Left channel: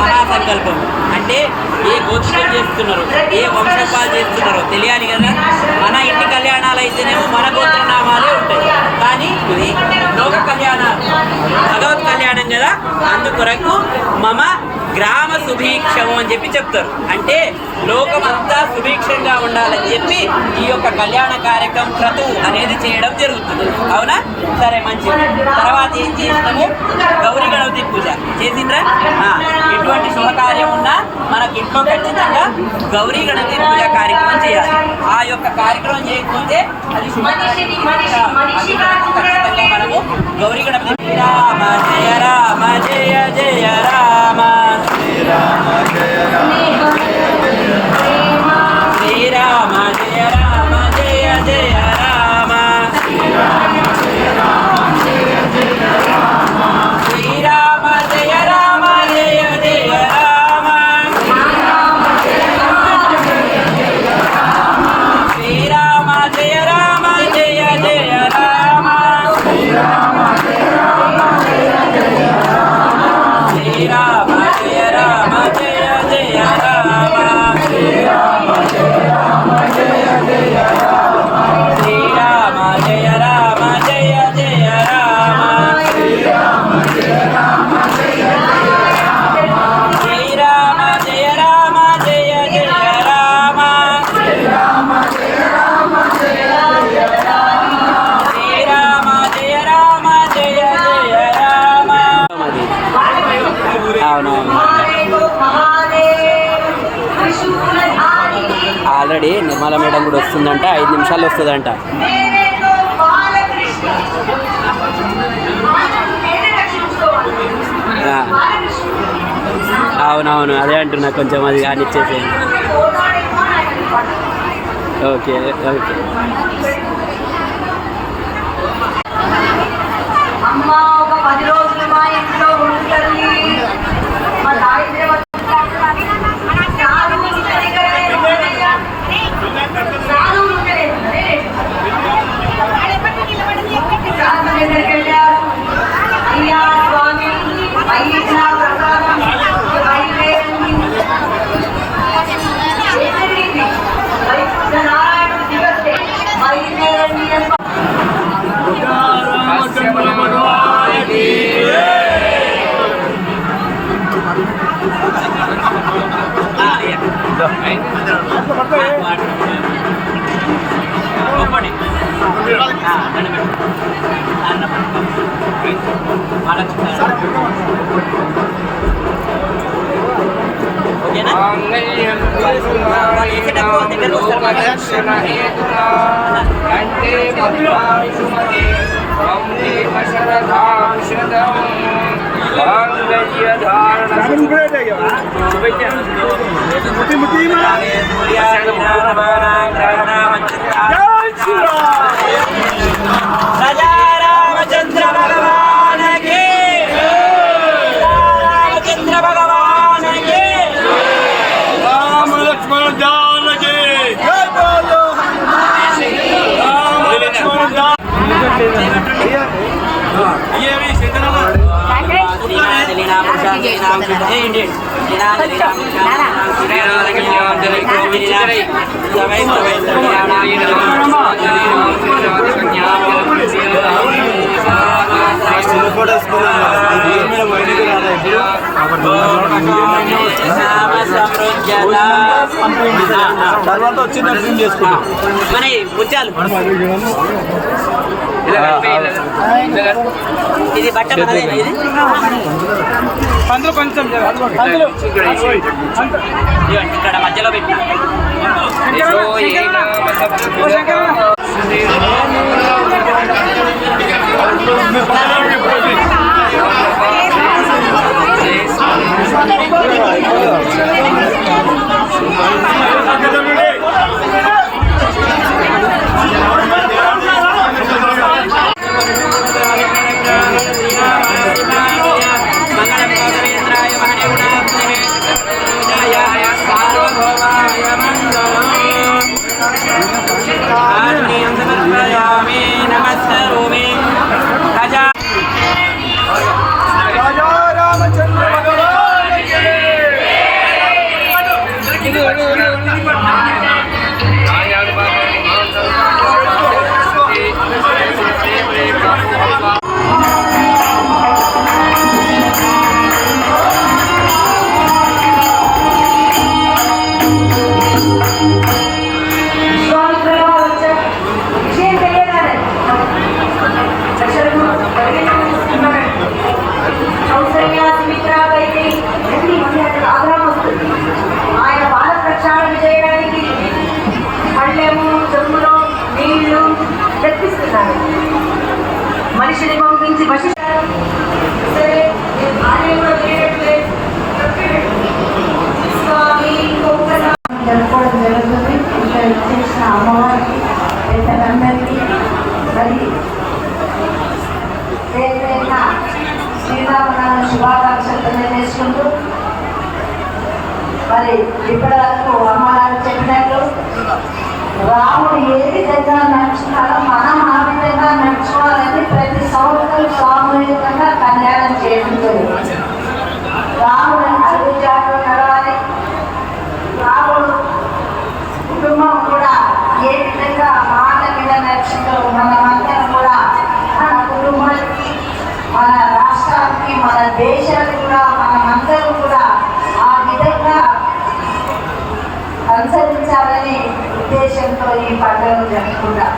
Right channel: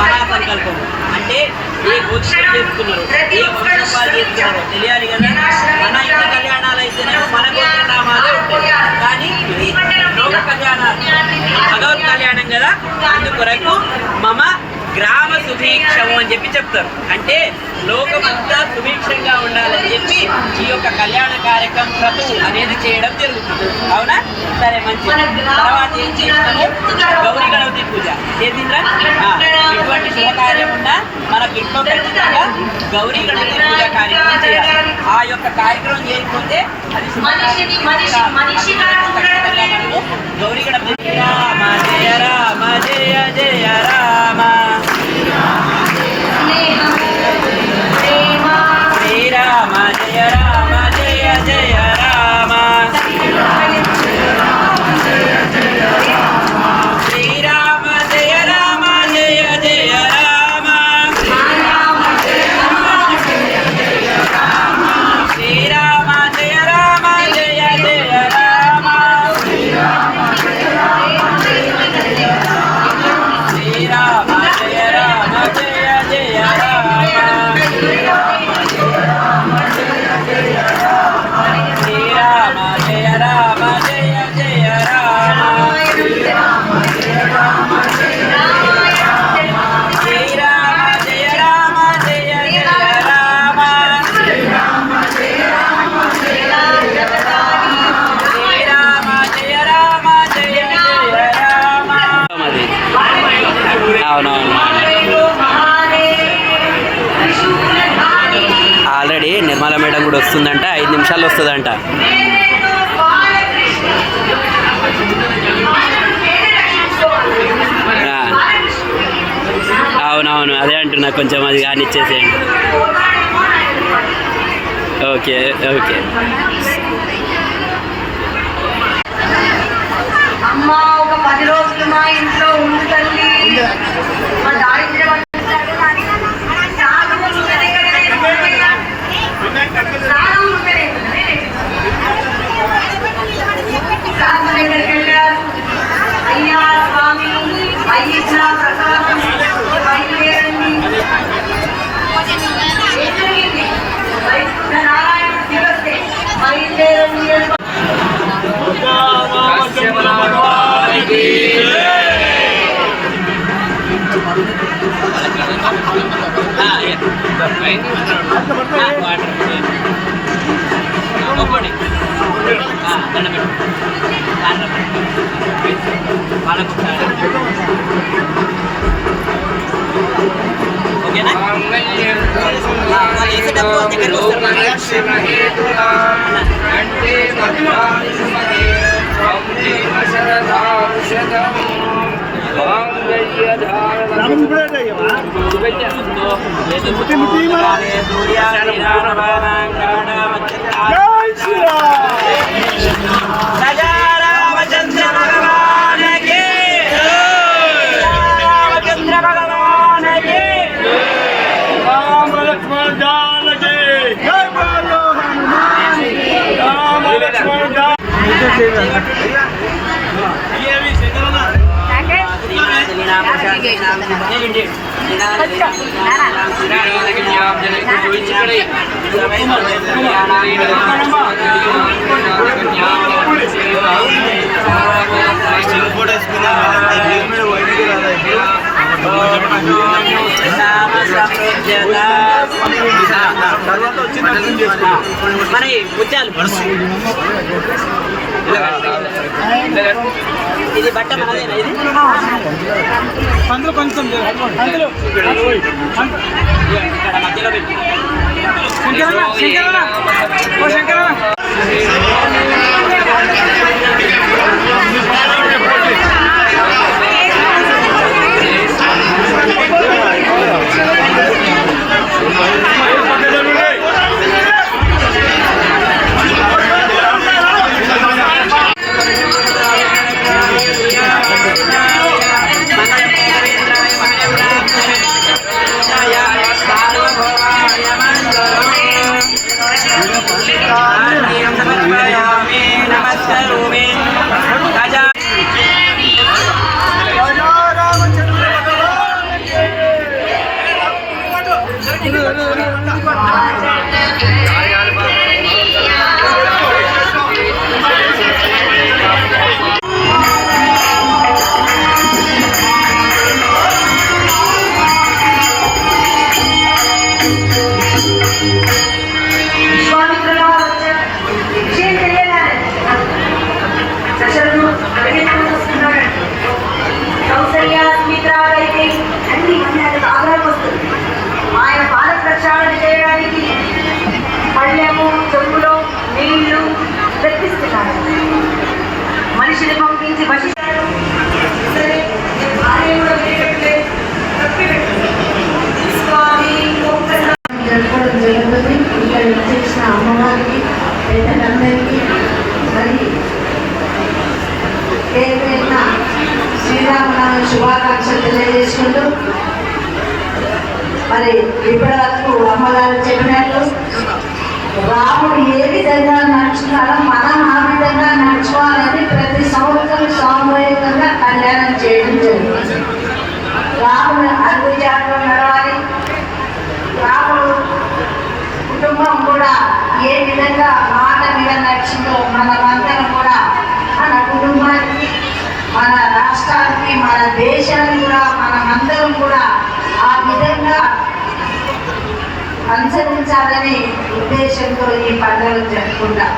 మహాసంకల్పం అంటే ఏ గోత్రం చేస్తున్నారు, ఏ వంశపాలు చేస్తున్నారో తెలియాలి కదా. మన ఇంటి కళ్యాణాలు అయితేనేమో మన గోత్ర నామాలే ఉంటాయి, కానీ ఇది లోక కళ్యాణాలు, భగవత్ కళ్యాణం కదా. అందుకొరకు మమ గ్రామ సుభిక్షము అని చెప్పి చెప్తారు. అంటే లోకమంతా సుభిక్షంగా ఉండాలని చెప్పి ఈ యొక్క కళ్యాణ కార్యక్రమం క్రతువు అనేది చేయడం జరుగుతుంది. అవునా? సరే, మంచిది. తర్వాత ఏం చేసినాము? గౌరీ గణపతి పూజ చేసిండ్రా? ఎటువంటి శుభకార్యం ఉన్నా మనకు ఇంట్లో ఖచ్చితంగా గౌరీ గణపతి పూజ కార్యక్రమం చేయాలి. ఆ యొక్క కార్యక్రమం చేయకపోతే అది ఖచ్చితంగా మనము గౌరీ గణపతి రామ జయ రామ జయ జయ రామ శ్రీరామ జయ రామ జయ జయ రామ శ్రీరామ జయ రామ జయ జయ రామ శ్రీరామ జయ రామ జయ జయ రామ శ్రీరామ జయ రామ జయ జయ రామ శ్రీరామ జయ రామ జయ జయ రామ శ్రీరామ జయ రామ జయ జయ రామ శ్రీరామ జయ రామ జయ జయ రామ శ్రీరామ జయ రామ జయ జయ రామ శ్రీరామ జయ రామ జయ జయ రామ శ్రీరామ జయ రామ జయ జయ రామ శ్రీరామ జయ రామ జయ జయ రామ శ్రీరామ జయ రామ జయ జయ రామ శ్రీరామ జయ రామ జయ జయ రామ. అవునవును, ఆల్రెడీ నిర్మల మేడం కూడా వస్తుందంట, 5 నిమిషాల్లో వస్తుందంట. అవునవును, అదే అంటున్నా, కొంచెం అది కానిచ్చేసేయండి. Okay okay. మరి ముత్యాలు ఇది బట్ట మనదేనా? ఇది ఇక్కడ మధ్యలో పెట్టిన జరుపుకోవడం జరుగుతుంది. ఇక్కడ చేసిన అమ్మవారికి పెద్దలందరికీ మరి ఏదైనా శ్రీరామనవమి శుభాకాంక్షలు తెలియజేసుకుంటూ మరి ఇప్పటి వరకు అమ్మగారు చెప్పినట్లు రాముడు ఏ విధంగా నడుచుకున్నారో మనం ఆ విధంగా నడుచుకోవాలని ప్రతి సంవత్సరం సామూహికంగా కళ్యాణం చేయడం జరుగుతుంది. రాముడు అడుగుజాడలో నడవాలి. రాముడు కుటుంబం కూడా ఏ విధంగా మాట మీద నడిచిందో మనమందరం కూడా మన కుటుంబానికి, మన రాష్ట్రానికి, మన దేశానికి కూడా మనమందరం కూడా ఆ విధంగా అనుసరించాలని ఉద్దేశంతో ఈ పండుగ జరుపుకుంటాం.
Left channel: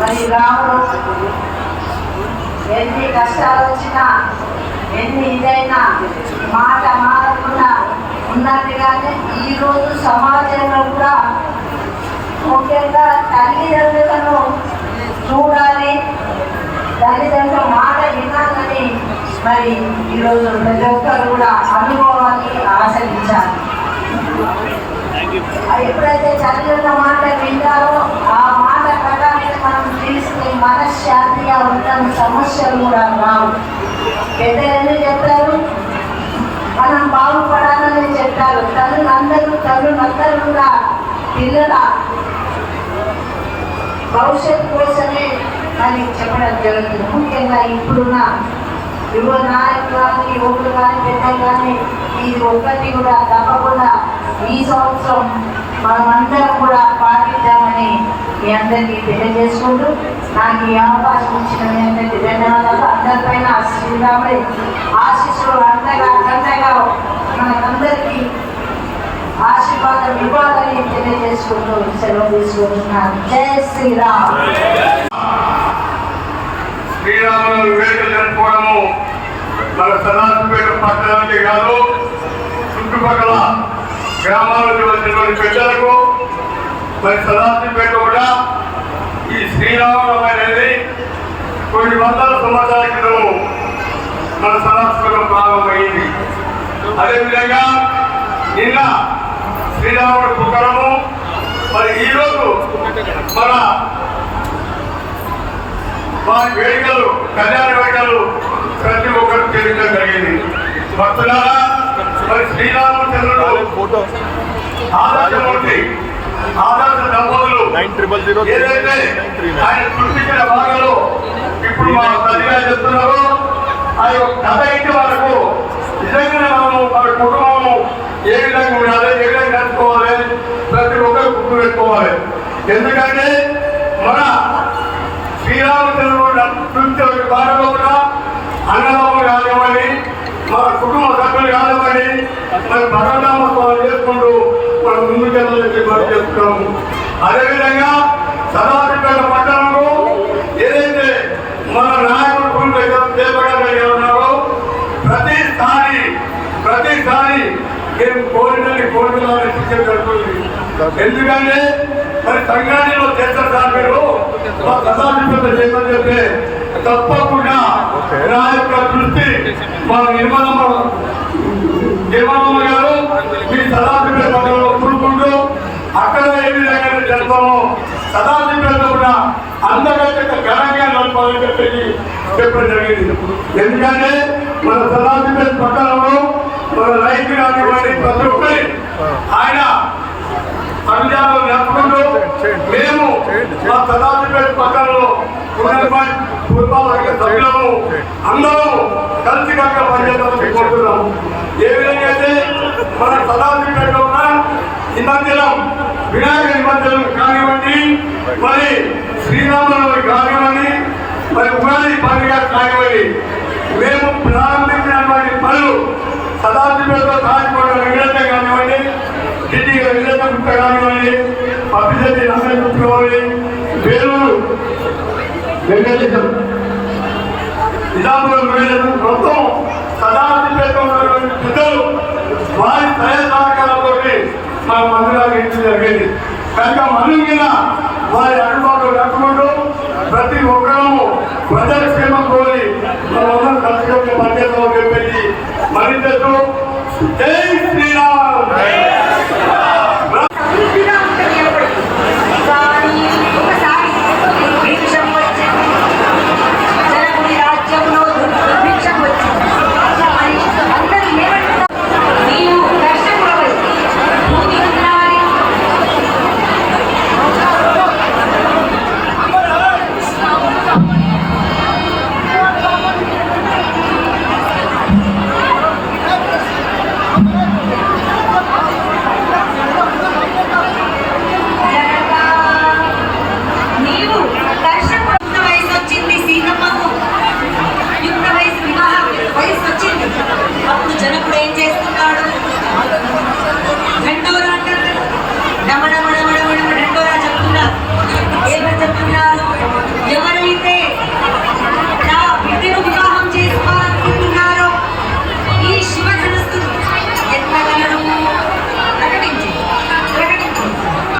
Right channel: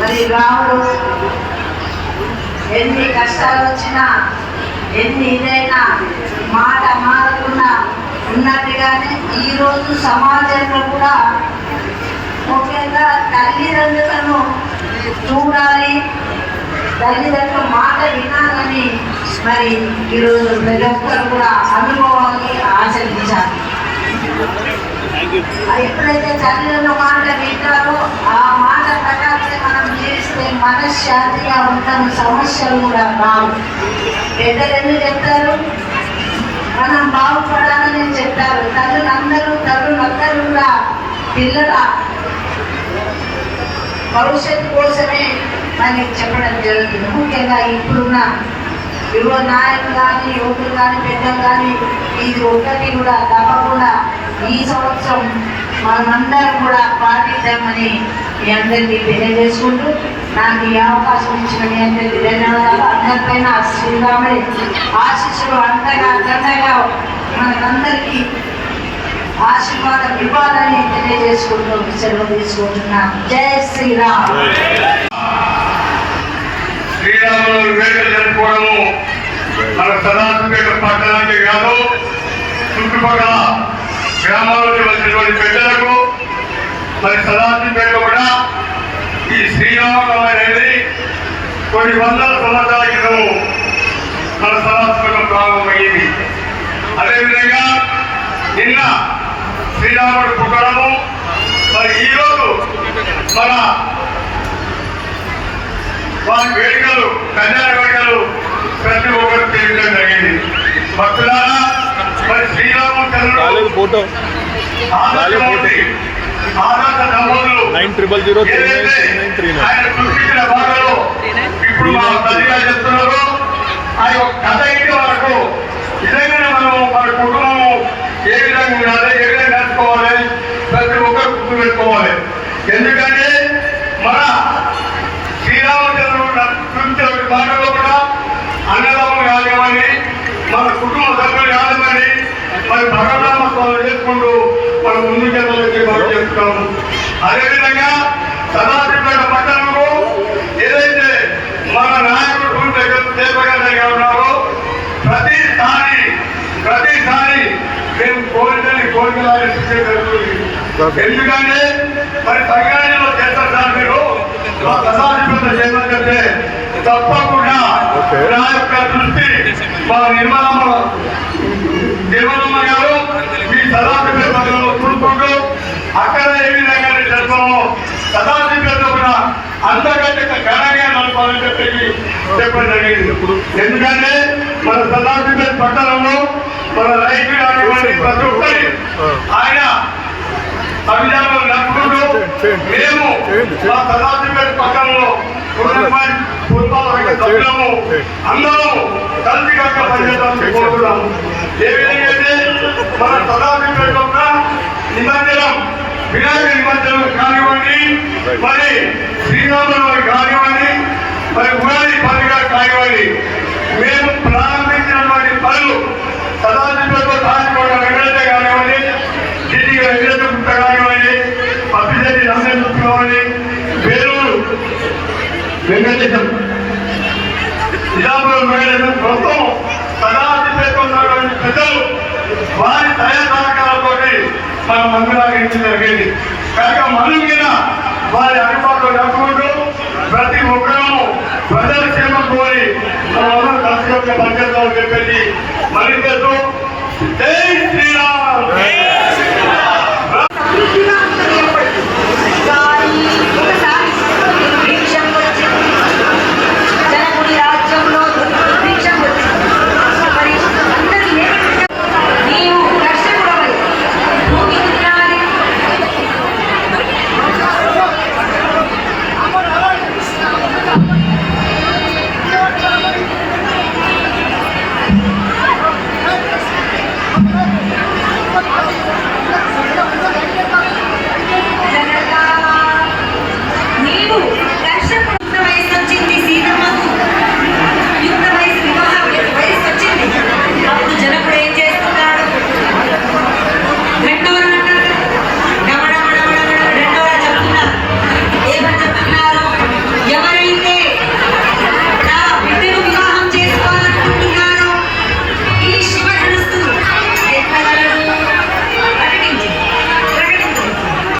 మరి రాముడు ఎన్ని కష్టాలు వచ్చినా, ఎన్ని ఇదైనా మాట మారకుండా ఉన్నట్టుగానే ఈరోజు సమాజంలో కూడా ముఖ్యంగా తల్లిదండ్రులను చూడాలి, తల్లిదండ్రుల మాట వినాలని మరి ఈరోజు ప్రతి ఒక్కరు కూడా అనుభవాన్ని ఆచరించాలి. ఎప్పుడైతే తల్లిదండ్రుల మాట వింటారో ఆ మాట ప్రకారం మనం చేస్తే మనశ్శాంతిగా ఉంటాం, సమస్యలు కూడా రావు. పెద్దలు ఎందుకు చెప్తారు? మనం బాగుపడాలని చెప్తారు. తల్లులందరూ కూడా పిల్లల భవిష్యత్తు కోసమే అని చెప్పడం జరుగుతుంది. ముఖ్యంగా ఇప్పుడున్న యువ నాయకులు కానీ, యువకులు కానీ, పెద్దలు కానీ ఇది ఒక్కటి కూడా తప్పకుండా ఈ సంవత్సరం మనమందరం కూడా పాటిద్దామని మీ అందరికీ తెలియజేసుకుంటూ నాకు ఈ అవకాశం ఇచ్చిన మీ అందరికీ ధన్యవాదాలు. అందరిపైన శ్రీరాముడి ఆశీస్సులు అంతగా మనకందరికీ ఆశీర్వాదం ఇవ్వాలని తెలియజేసుకుంటూ సెలవు తీసుకుంటున్నాను. జై శ్రీరామ్. శ్రీరాములు వేడుకలు జరుపుకోవడము మన సదాశివపేట పట్టణానికి కాదు, చుట్టుపక్కల గ్రామాలకు వచ్చినటువంటి పెద్దలకు మరి సదాశివపేట కూడా ఈ శ్రీరామనవమి అనేది కొన్ని వందల సంవత్సరాల క్రితం మన సదాశివపేట ప్రారంభమైంది. అదేవిధంగా నిన్న శ్రీరాముడు పుట్టడము, మరి ఈరోజు మన వారి వేడుకలు, కళ్యాణ వేడుకలు ప్రతి ఒక్కరు తెలియడం జరిగింది. భక్తులారా, మరి శ్రీరామచంద్రుడు ఆదర్శమూర్తి, ఆదర్శ దంపతులు ఏదైతే ఆయన సృష్టించిన భాగంలో ఇప్పుడు మా తల్లిగా చెప్తున్నారు. ఆ యొక్క కథ ఇంటి వరకు నిజంగా మనము మన కుటుంబము ఏ విధంగా ఉండాలి, ఏ విధంగా నడుచుకోవాలి, ప్రతి ఒక్కరు గుర్తు పెట్టుకోవాలి. ఎందుకంటే మన శ్రీరామచంద్రుడు చూపించిన భాగంలో కూడా అన్నదమ్ములు కానివ్వండి, మన కుటుంబ సభ్యులు కానివ్వండి, మరి భగవన్నామస్మరణ చేసుకుంటూ మన ముందు జన్మలకి మనం చేస్తున్నాము. అదేవిధంగా సదాశివపేట పట్టణంలో ఏదైతే మన నాయకుడు చేపగలిగి ఉన్నారో ప్రతిసారి మేము కోరికలని శిక్షణ జరుగుతుంది. ఎందుకంటే మరి సంఘాలలో చేస్తారు సార్, మీరు మా సదాశివపేట చేయమని చెప్తే తప్పకుండా నా యొక్క దృష్టి మా నిర్మలమ్మ గారు మీ సదాశివపేట పట్టణంలో చూసుకుంటూ అక్కడ ఏ విధంగా జరపమో సదాశివపేట కూడా అంతకంటే ఘనంగా నడపాలని చెప్పి చెప్పడం జరిగింది. ఎందుకంటే మన సదాశివపేట పట్టణంలో మన రైతు కానివ్వండి, ప్రతి ఒక్కరి ఆయన అభిజాలు నడుపుకుంటూ మేము మా సదాశివపేట పట్టణంలో సభ్యులము అందరూ కలిసి కనుక పనిచేద్దామని కోరుతున్నాము. ఏ విధంగా అయితే మన సదాశివపేటలో నిమజ్జనం, వినాయక నిమజ్జనం కానివ్వండి, మరి శ్రీరామనవమి కానివ్వండి, మరి ఉగాది పండుగ కానివ్వండి, మేము ప్రారంభించినటువంటి పనులు సదాశివపేటలో కాచికొండ వెంకటేశ్వర కానివ్వండి, ఢిల్లీ వెంకటేశ్వర గుట్ట కానివ్వండి, అభిజెట్టి రంజన్ గుట్ట కానివ్వండి, వేలూరు వెంకటేశ్వరం, నిజాపురం వెంకటేశ్వరం, మొత్తం సదాశివపేటలో ఉన్నటువంటి పెద్దలు వారి దయా సహకారంతో మన మందిరాలు ఇంటి జరిగింది. కనుక మనం మీద వారి అందుబాటులో నడుచుకుంటూ ప్రతి ఒక్కరూ ప్రజల క్షేమం మరింతకు జై శ్రీరామ్.